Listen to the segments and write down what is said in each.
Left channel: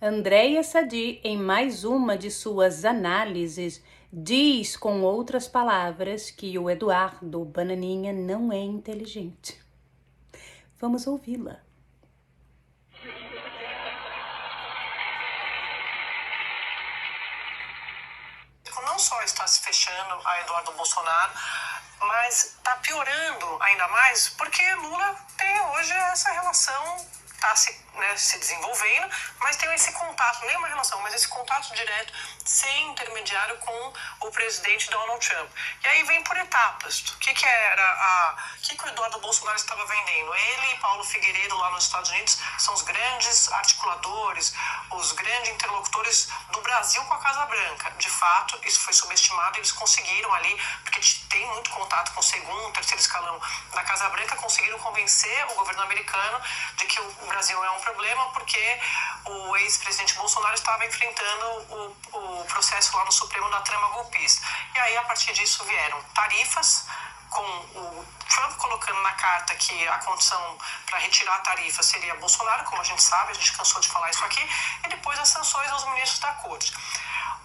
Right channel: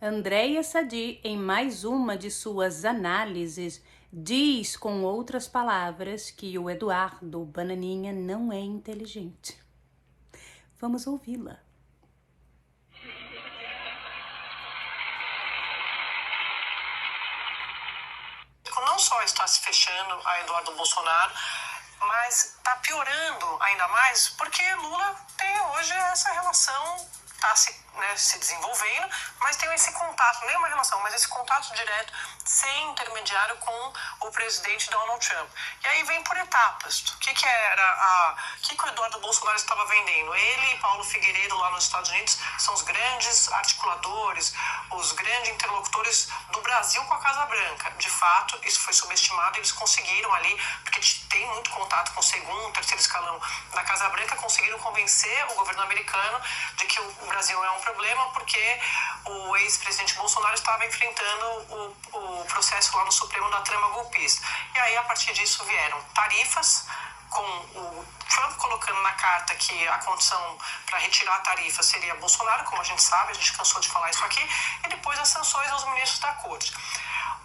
Andréia Sadi, em mais uma de suas análises, diz com outras palavras que o Eduardo Bananinha não é inteligente. Vamos ouvi-la. Não só está se fechando a Eduardo Bolsonaro, mas está piorando ainda mais porque Lula tem hoje essa relação, está se desenvolvendo, mas tem esse contato, nem uma relação, mas esse contato direto, sem intermediário, com o presidente Donald Trump. E aí vem por etapas. O que o Eduardo Bolsonaro estava vendendo? Ele e Paulo Figueiredo, lá nos Estados Unidos, são os grandes articuladores, os grandes interlocutores do Brasil com a Casa Branca. De fato, isso foi subestimado, eles conseguiram ali, porque eles têm muito contato com o segundo, terceiro escalão da Casa Branca, conseguiram convencer o governo americano de que o Brasil é um problema, porque o ex-presidente Bolsonaro estava enfrentando o processo lá no Supremo da trama golpista. E aí, a partir disso, vieram tarifas, com o Trump colocando na carta que a condição para retirar a tarifa seria Bolsonaro, como a gente sabe, a gente cansou de falar isso aqui, e depois as sanções aos ministros da corte.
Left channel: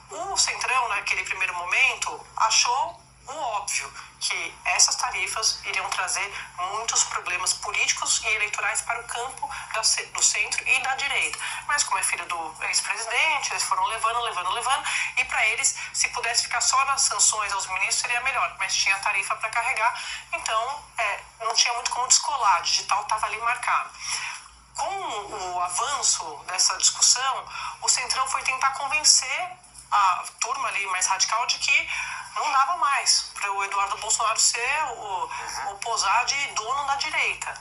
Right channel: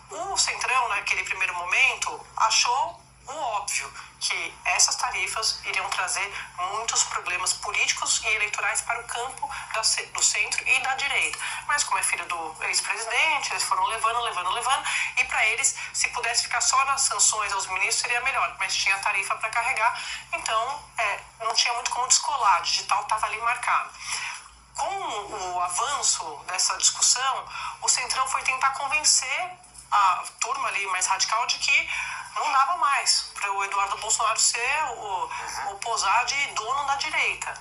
O Centrão, naquele primeiro momento, achou o óbvio, que essas tarifas iriam trazer muitos problemas políticos e eleitorais para o campo do centro e da direita. Mas como é filho do ex-presidente, eles foram levando, e para eles, se pudesse ficar só nas sanções aos ministros, seria melhor, mas tinha tarifa para carregar, então não tinha muito como descolar, o digital estava ali marcado. Com o avanço dessa discussão, o Centrão foi tentar convencer a turma ali mais radical de que não dava mais para o Eduardo Bolsonaro ser o posar de dono da direita.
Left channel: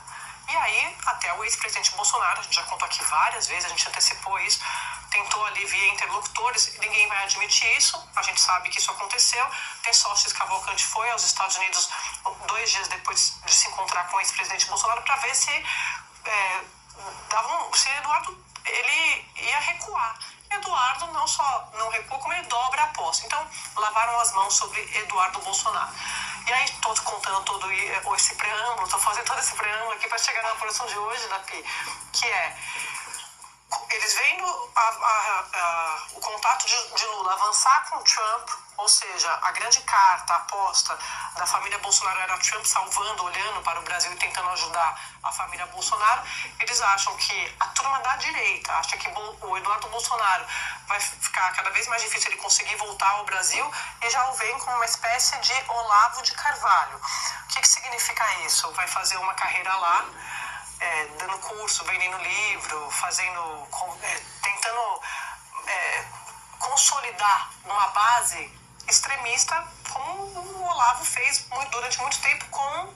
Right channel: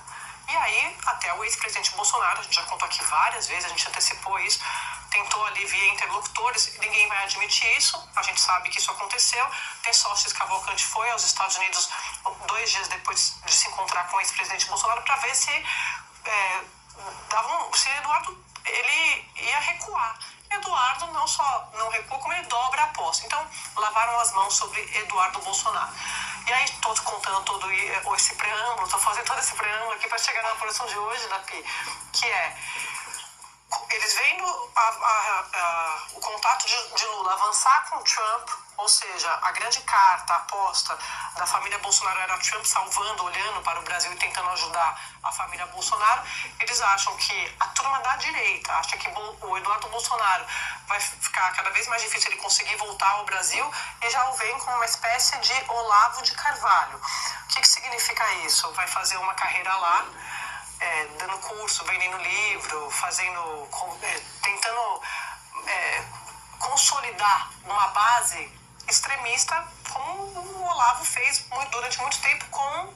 E aí, até o ex-presidente Bolsonaro, a gente já contou aqui várias vezes, a gente antecipou isso, tentou ali via interlocutores, ninguém vai admitir isso, a gente sabe que isso aconteceu. Tesóstenes Cavalcante foi aos Estados Unidos 2 dias depois de se encontrar com o ex-presidente Bolsonaro para ver se Eduardo ele ia recuar. Eduardo não só não recua, como ele dobra a aposta. Então, lavaram as mãos sobre Eduardo Bolsonaro. E aí, estou contando todo esse preâmbulo, estou fazendo todo esse preâmbulo aqui para chegar na apuração de hoje, né, Pi? Que é, eles vendo o contato de Lula avançar com Trump, ou seja, a grande carta, a aposta da família Bolsonaro era Trump salvando, olhando para o Brasil e tentando ajudar a família Bolsonaro, eles acham que a turma da direita acha que o Eduardo Bolsonaro vai ficar cada vez mais difícil ele conseguir voltar ao Brasil, e já o veem como uma espécie de Olavo de Carvalho. O que significa isso? Vai fazer uma carreira lá, dando curso, vendendo livro, tentando consolidar uma base extremista, como o Olavo fez durante muito tempo com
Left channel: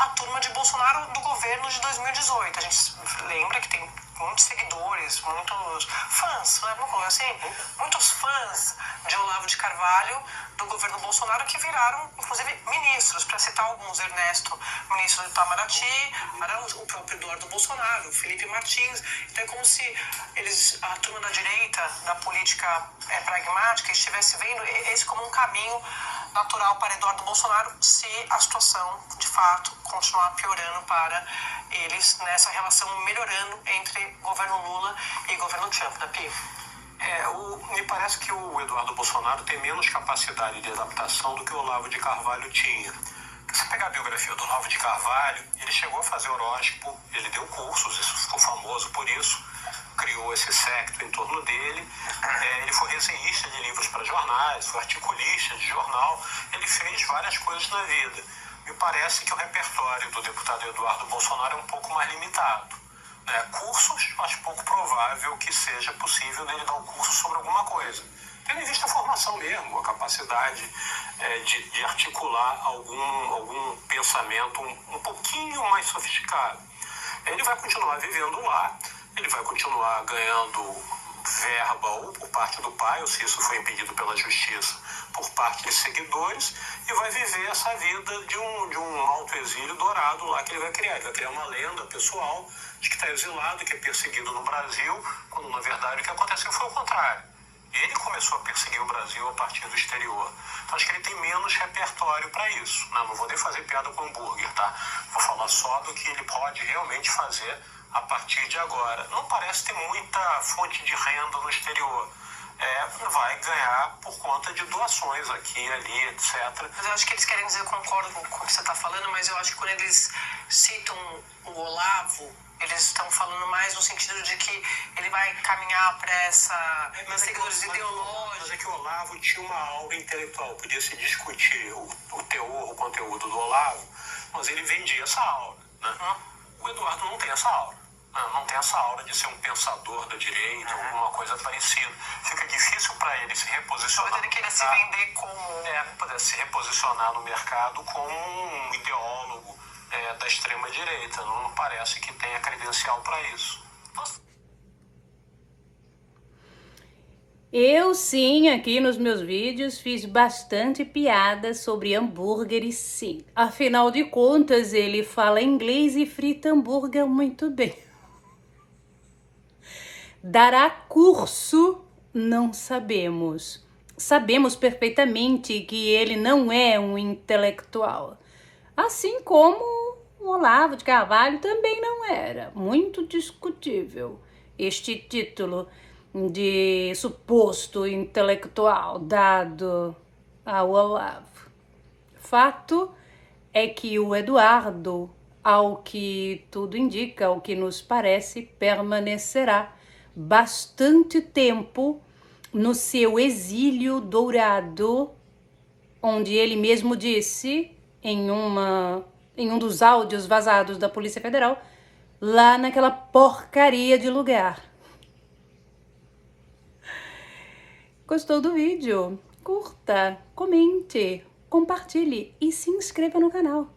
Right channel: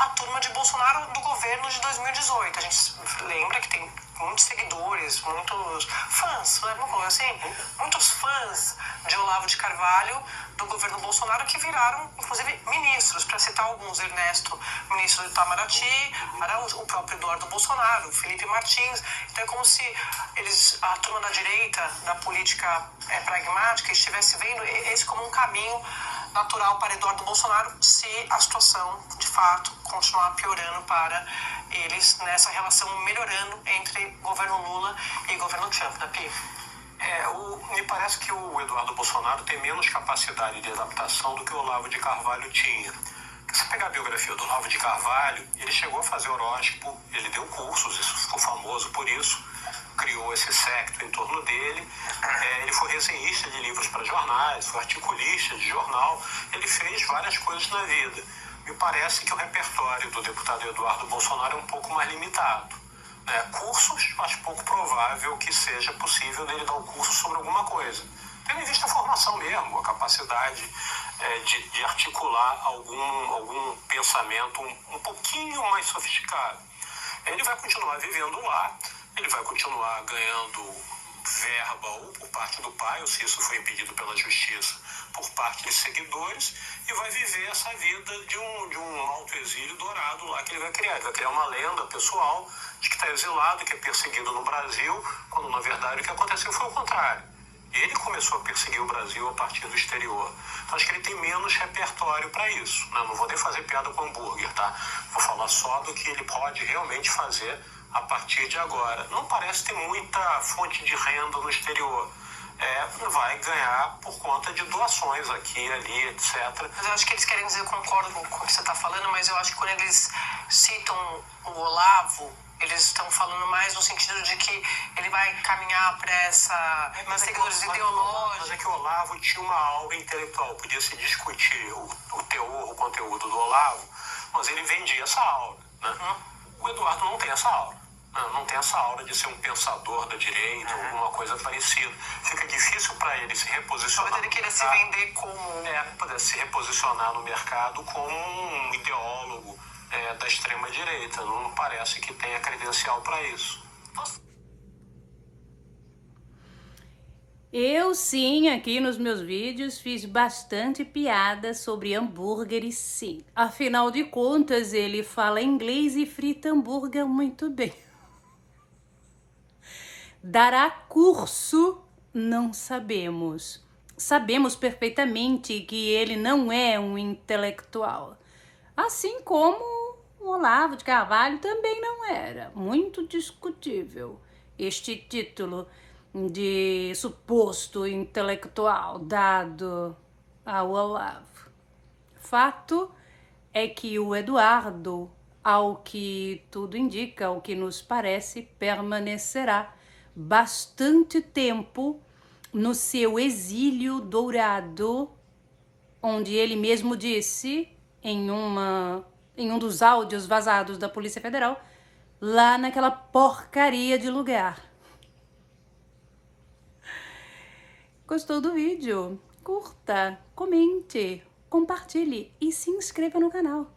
a turma de Bolsonaro do governo de 2018. A gente lembra que tem muitos seguidores, muitos fãs, né? Vamos falar assim, muitos fãs de Olavo de Carvalho do governo Bolsonaro que viraram, inclusive, ministros, para citar alguns: Ernesto, ministro do Itamaraty, o próprio Eduardo Bolsonaro, Felipe Martins. Então é como se a turma da direita, da política pragmática, estivesse vendo esse como um caminho natural para Eduardo Bolsonaro, se a situação, de fato, continuar piorando para eles nessa relação melhorando entre governo Lula e governo Trump, da Pi. Me parece que o Eduardo Bolsonaro tem menos capacidade de adaptação do que o Olavo de Carvalho tinha. Se você pegar a biografia do Olavo de Carvalho, ele chegou a fazer horóscopo, ele deu cursos, isso ficou famoso por isso, criou esse séquito em torno dele. Ele foi resenhista de livros para jornais, foi articulista de jornal, ele fez várias coisas na vida. Me parece que o repertório do deputado Eduardo Bolsonaro é um pouco mais limitado. Cursos, mas pouco provável que seja possível dele dar um curso sobre alguma coisa. Tendo em vista a formação mesmo, a capacidade de articular algum pensamento um pouquinho mais sofisticado. Ele vai continuar vivendo lá, ele vai continuar ganhando verba ou por parte do pai, ou se isso foi impedido pela justiça, por parte de seguidores, e vai viver essa vida de um autoexílio dourado lá que ele vai criar. Ele vai criar uma lenda pessoal de que está exilado, que é perseguido no Brasil, quando na verdade o que aconteceu foi o contrário. Ele começou a perseguir o Brasil a partir do exterior. Então, acho que ele tem menos repertório para isso. Não vou nem fazer piada com hambúrguer, tá? Vou falar só do que ele pode realmente fazer a partir de agora. Não parece ter muita fonte de renda no exterior. Vai ganhar por conta de doações aqui e ali, etc. Mas eu acho que eles querem dizer, eu concordo com o que você está falando, mas eu acho que quando eles citam o Olavo, eles estão falando mais no sentido de que ele vai caminhar para essa seguidores ideológicos. Mas é que o Olavo tinha uma aura intelectual, podia se discutir o teor, o conteúdo do Olavo, mas ele vendia essa aura, né? O Eduardo não tem essa aura. Não tem essa aura de ser um pensador da direita, alguma coisa parecida. Fica difícil para ele se reposicionar. Ele queria se vender como... Para se reposicionar no mercado como um ideólogo da extrema-direita. Não parece que tenha credencial para isso. Eu sim, aqui nos meus vídeos, fiz bastante piada sobre hambúrgueres, sim. Afinal de contas, ele fala inglês e frita hambúrguer muito bem. Dará curso? Não sabemos. Sabemos perfeitamente que ele não é um intelectual. Assim como o Olavo de Carvalho também não era. Muito discutível este título de suposto intelectual dado ao Olavo. Fato é que o Eduardo, ao que tudo indica, ao que nos parece, permanecerá bastante tempo no seu exílio dourado, onde ele mesmo disse em um dos áudios vazados da Polícia Federal, lá naquela porcaria de lugar. Gostou do vídeo? Curta, comente, compartilhe e se inscreva no canal.